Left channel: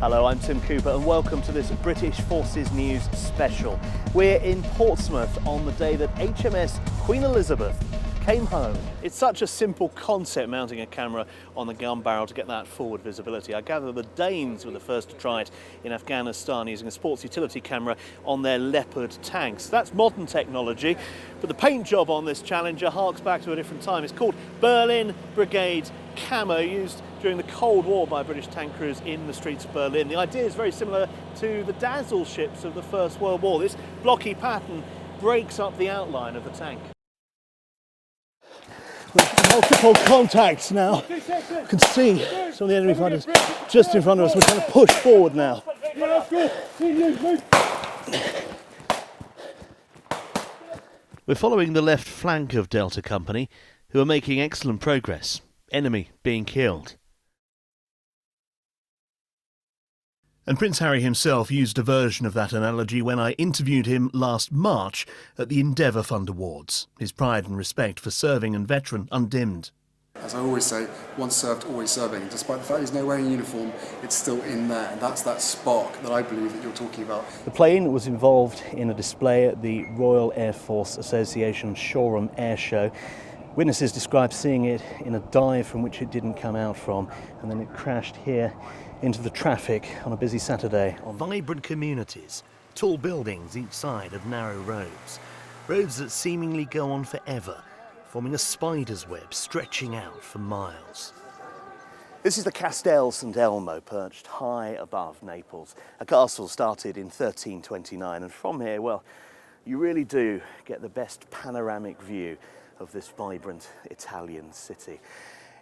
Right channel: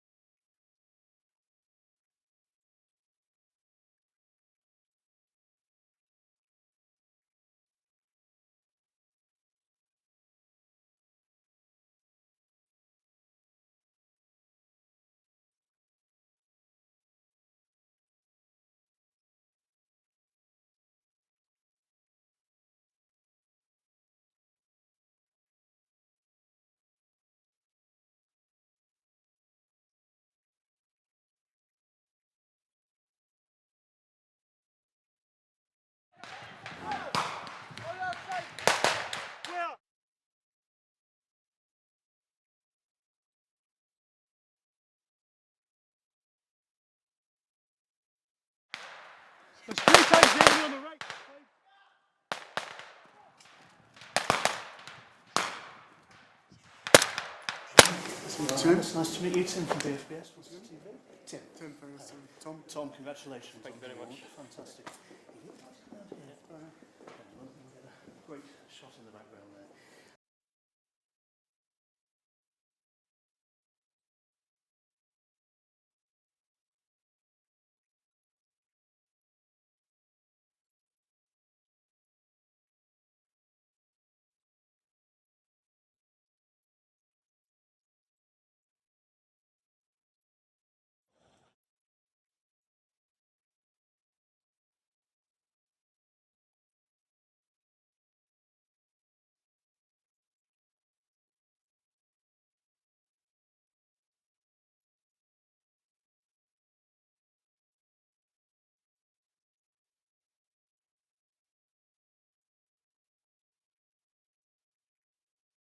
Hello, I'm Tim Cooper and welcome to this British Forces News special. We're in Portsmouth on the day that HMS Queen Elizabeth came home. It's such a simple concept, mounting a camera on the gun barrel to get that forward visibility. I gather the Danes were the first to try it in Afghanistan using a sports utility camera on their Leopard tanks. That's modern technology, but the paint job on this Challenger harks back to a different time. It's called Berlin Brigade Camo, used during the Cold War by British tank crews in the streets of Berlin. The idea is very similar to the Dazzle ships of the First World War. This blocky pattern breaks up the outline of the tank. Multiple contacts now. You can see some of the enemy fighters just in front of us. We're trying to push forward now. We're following the left flank of Delta Company, who are making excellent progress. Enemy being killed. It's nice to meet you, Tim from BFBS. And Prince Harry himself used a version of that analogy when I interviewed him last March at the Endeavour Fund Awards. His pride and respect for serving and veteran undimmed. As I always say, once served, always serving. And despite the fact he's nowhere in uniform, it's still in there. And that's that spark that I believe that you're talking about. The plane was involved in a display at the Royal Air Force Association Shoreham Air Show. Witnesses described seeing it in a dive from which it didn't come out from, and then it crashed here into the traffic on a busy Saturday. Vibrant communities, tall buildings each side of narrow roads. Roads that seemingly go on forever, forming a spider's web stretching out for miles. This is the Castel St Elmo, perched high above Naples. A castle started in 1329, and from here, well, you really do get the best panoramic view of this vibrant Italian city.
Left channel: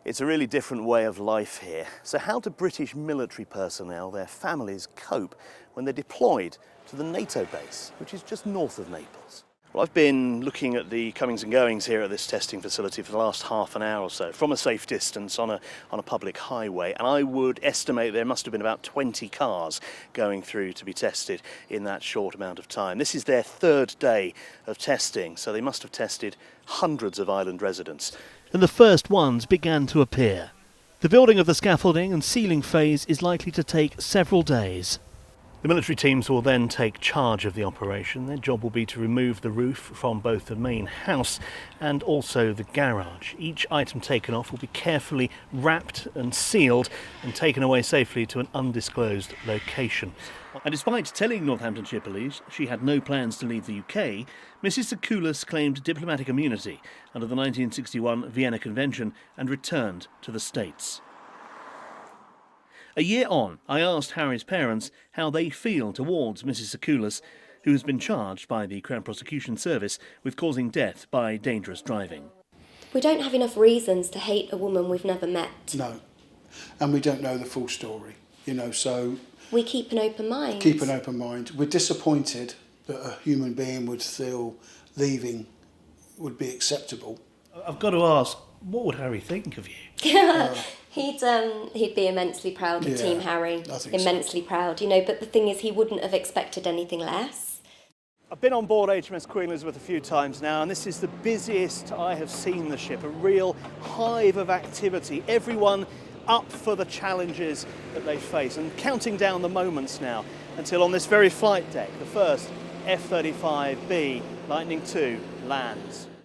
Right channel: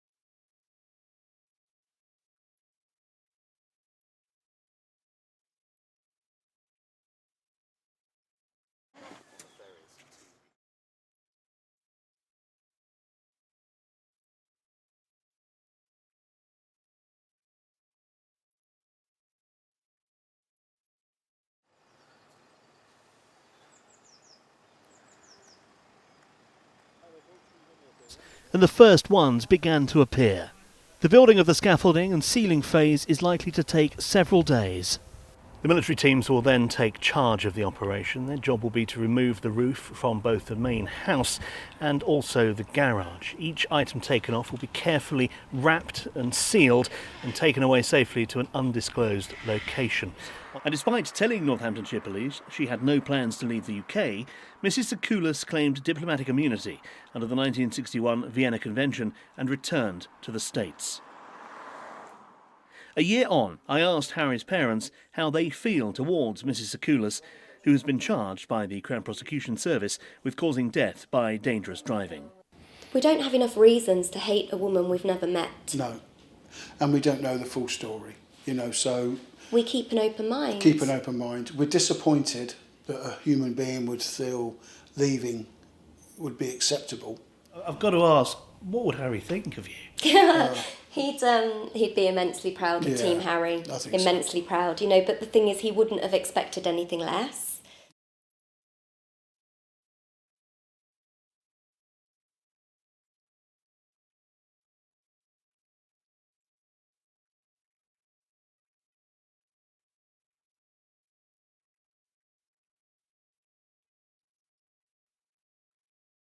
It's a really different way of life here. So how do British military personnel, their families, cope when they're deployed to the NATO base, which is just north of Naples? Well, I've been looking at the comings and goings here at this testing facility for the last half an hour or so, from a safe distance on a public highway, and I would estimate there must have been about 20 cars going through to be tested in that short amount of time. This is their third day of testing, so they must have tested hundreds of island residents. And the first ones began to appear. The building of the scaffolding and sealing phase is likely to take several days. The military teams will then take charge of the operation. Their job will be to remove the roof from both the main house and also the garage. Each item taken off will be carefully wrapped and sealed and taken away safely to an undisclosed location. And despite telling Northamptonshire Police she had no plans to leave the UK, Mrs Tsakoulas claimed diplomatic immunity under the 1961 Vienna Convention and returned to the States. A year on, I asked Harry's parents how they feel towards Mrs Tsakoulas, who has been charged by the Crown Prosecution Service with causing death by dangerous driving. We don't have enough reasons to hate a woman we've never met. No, and we don't know the full story, so... We keep an open mind. Keep an open mind. We're disappointed that a human being would feel leaving would be acceptable. I've got to ask, what would Harry think of you? He'd be immensely proud of Team Harry. Immensely proud, but the thing is he wouldn't have expected anything less. I've been on board HMS Queen Elizabeth a few times now, and this is the busiest I have seen the ship, a real hive of activity. Everyone up for the challenges that they face, and counting down the moments now until on this very flight deck, the first F-35B Lightning II lands.